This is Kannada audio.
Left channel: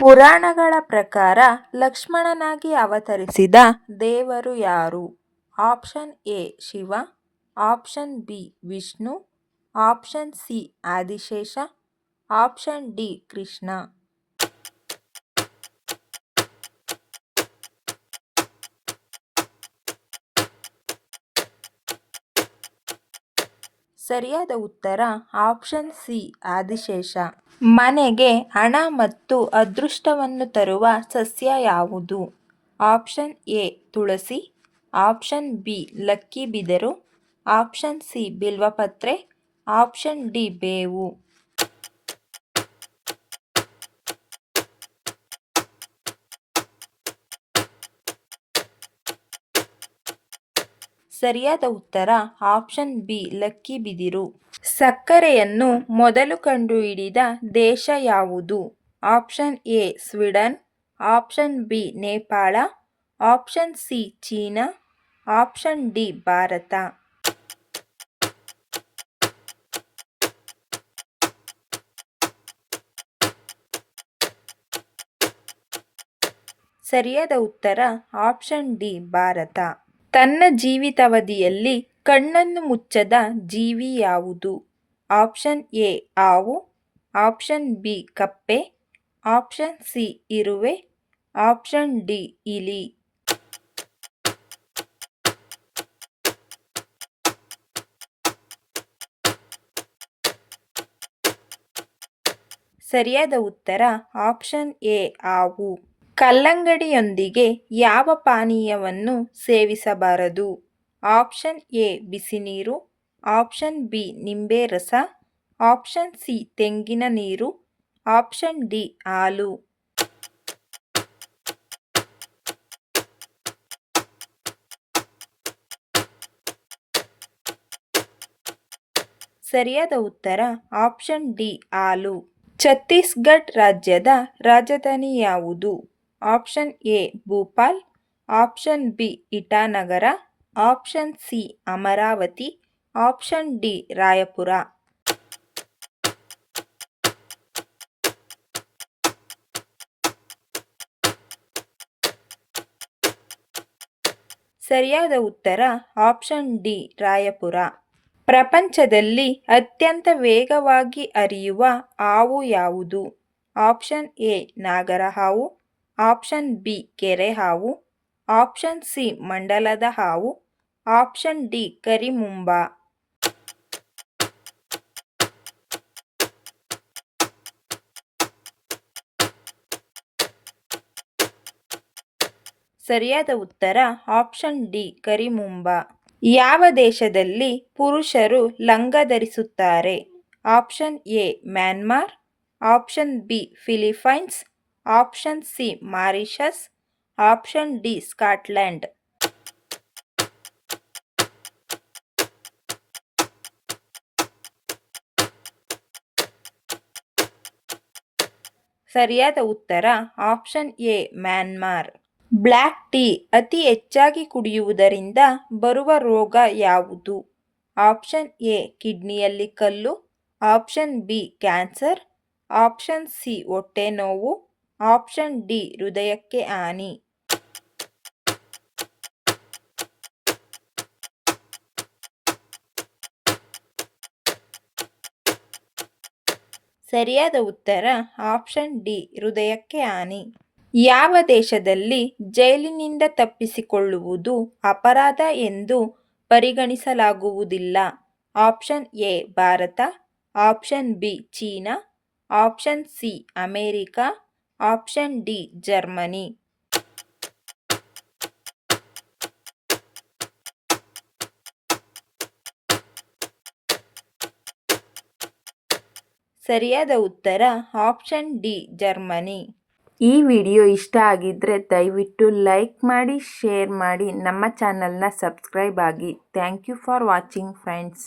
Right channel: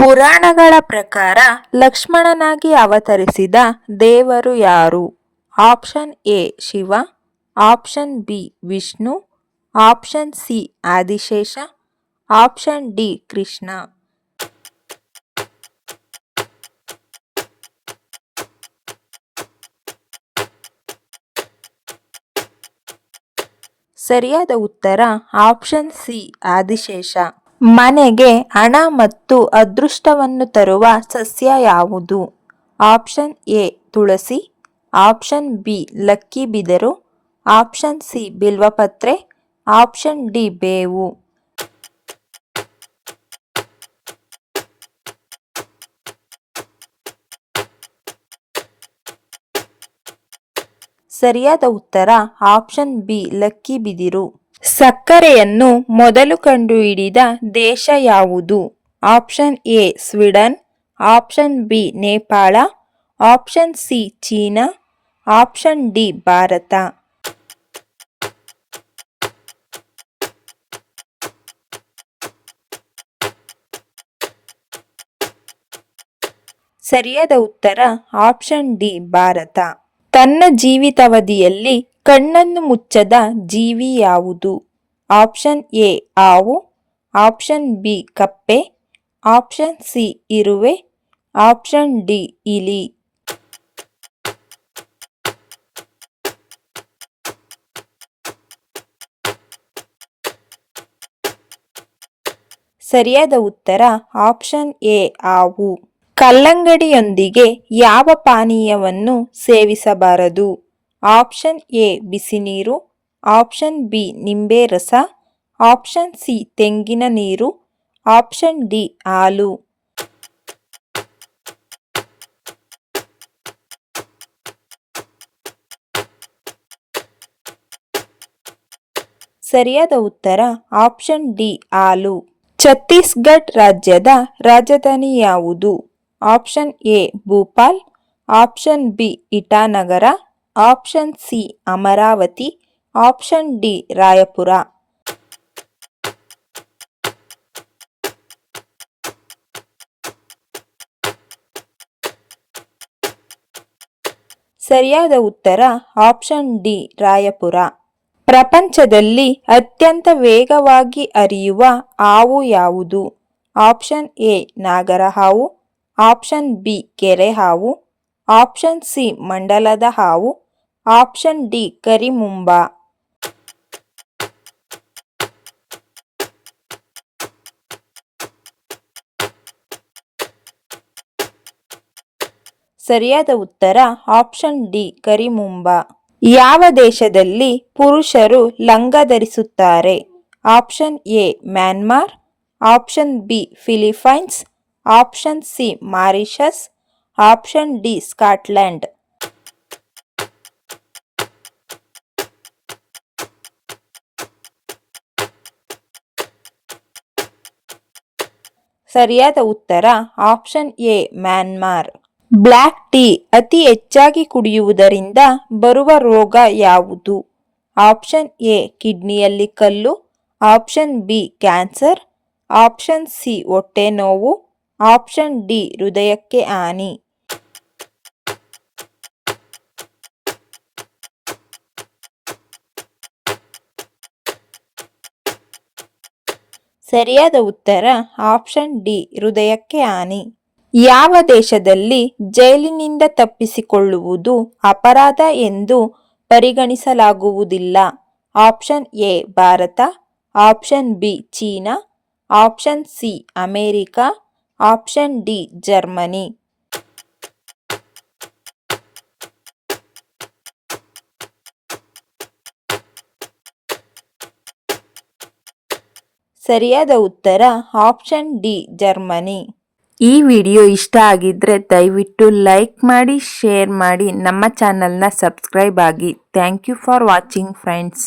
ಪುರಾಣಗಳ ಪ್ರಕಾರ ಲಕ್ಷ್ಮಣನಾಗಿ ಅವತರಿಸಿದ ದೇವರು ಯಾರು? Option A Shiva, option B Vishnu, option C Adishesha, option D Krishna. ಸರಿಯಾದ ಉತ್ತರ ಆಪ್ಷನ್ ಸಿ ಆದಿಶೇಷ. ಮನೆಗೆ ಹಣ ಮತ್ತು ಅದೃಷ್ಟವನ್ನು ತರುವ ಸಸ್ಯ ಯಾವುದು? ಆಪ್ಷನ್ ಎ ತುಳಸಿ, ಆಪ್ಷನ್ ಬಿ ಲಕ್ಕಿ ಬಿದಿರು, ಆಪ್ಷನ್ ಸಿ ಬಿಲ್ವಪತ್ರೆ, ಆಪ್ಷನ್ ಡಿ ಬೇವು. ಸರಿಯಾದ ಉತ್ತರ ಆಪ್ಷನ್ ಬಿ ಲಕ್ಕಿ ಬಿದಿರು. ಸಕ್ಕರೆಯನ್ನು ಮೊದಲು ಕಂಡುಹಿಡಿದ ದೇಶ ಯಾವುದು? Option A Sweden, option B Nepal, option C China, option D Bharat. ಸರಿಯಾದ ಉತ್ತರ ಆಪ್ಷನ್ ಡಿ ಭಾರತ. ತನ್ನ ಜೀವಿತಾವಧಿಯಲ್ಲಿ ಕಣ್ಣನ್ನು ಮುಚ್ಚದ ಜೀವಿ ಯಾವುದು? ಆಪ್ಷನ್ ಎ ಹಾವು, ಆಪ್ಷನ್ ಬಿ ಕಪ್ಪೆ, ಆಪ್ಷನ್ ಸಿ ಇರುವೆ, ಆಪ್ಷನ್ ಡಿ ಇಲಿ. ಸರಿಯಾದ ಉತ್ತರ ಆಪ್ಷನ್ ಎ ಹಾವು. ಕಲ್ಲಂಗಡಿಯೊಂದಿಗೆ ಯಾವ ಪಾನೀಯವನ್ನು ಸೇವಿಸಬಾರದು? ಆಪ್ಷನ್ ಎ ಬಿಸಿನೀರು, ಆಪ್ಷನ್ ಬಿ ನಿಂಬೆ ರಸ, ಆಪ್ಷನ್ ಸಿ ತೆಂಗಿನ ನೀರು, ಆಪ್ಷನ್ ಡಿ ಹಾಲು. ಸರಿಯಾದ ಉತ್ತರ ಆಪ್ಷನ್ ಡಿ ಹಾಲು. ಛತ್ತೀಸ್ಗಢ ರಾಜ್ಯದ ರಾಜಧಾನಿ ಯಾವುದು? Option A Bhopal, option B Itanagar, option C Amaravati, option D Raipur. ಸರಿಯಾದ ಉತ್ತರ ಆಪ್ಷನ್ ಡಿ ರಾಯಪುರ. ಪ್ರಪಂಚದಲ್ಲಿ ಅತ್ಯಂತ ವೇಗವಾಗಿ ಹರಿಯುವ ಹಾವು ಯಾವುದು? Option A Nagarahavu, option B ಕೆರೆ ಹಾವು, ಆಪ್ಷನ್ ಸಿ ಮಂಡಲದ ಹಾವು, ಆಪ್ಷನ್ ಡಿ ಕರಿಮುಂಬ. ಸರಿಯಾದ ಉತ್ತರ ಆಪ್ಷನ್ ಡಿ ಕರಿಮುಂಬ. ಯಾವ ದೇಶದಲ್ಲಿ ಪುರುಷರು ಲಂಗ ಧರಿಸುತ್ತಾರೆ? Option A Myanmar, option B Philippines, option C Mauritius, option D Scotland. ಸರಿಯಾದ ಉತ್ತರ option A Myanmar. Black tea ಅತಿ ಹೆಚ್ಚಾಗಿ ಕುಡಿಯುವುದರಿಂದ ಬರುವ ರೋಗ ಯಾವುದು? ಆಪ್ಷನ್ ಎ ಕಿಡ್ನಿಯಲ್ಲಿ ಕಲ್ಲು, option B cancer, option C ಹೊಟ್ಟೆ ನೋವು, ಆಪ್ಷನ್ ಡಿ ಹೃದಯಕ್ಕೆ ಹಾನಿ. ಸರಿಯಾದ ಉತ್ತರ ಆಪ್ಷನ್ ಡಿ ಹೃದಯಕ್ಕೆ ಹಾನಿ. ಯಾವ ದೇಶದಲ್ಲಿ ಜೈಲಿನಿಂದ ತಪ್ಪಿಸಿಕೊಳ್ಳುವುದು ಅಪರಾಧ ಎಂದು ಪರಿಗಣಿಸಲಾಗುವುದಿಲ್ಲ? Option A Bharat, option B China, option C America, option D Germany. ಸರಿಯಾದ ಉತ್ತರ ಆಪ್ಷನ್ ಡಿ ಜರ್ಮನಿ. ಈ ವಿಡಿಯೋ ಇಷ್ಟ ಆಗಿದ್ರೆ ದಯವಿಟ್ಟು ಲೈಕ್ ಮಾಡಿ, ಶೇರ್ ಮಾಡಿ, ನಮ್ಮ ಚಾನಲ್ನ ಸಬ್ಸ್ಕ್ರೈಬ್ ಆಗಿ. Thank you for watching friends.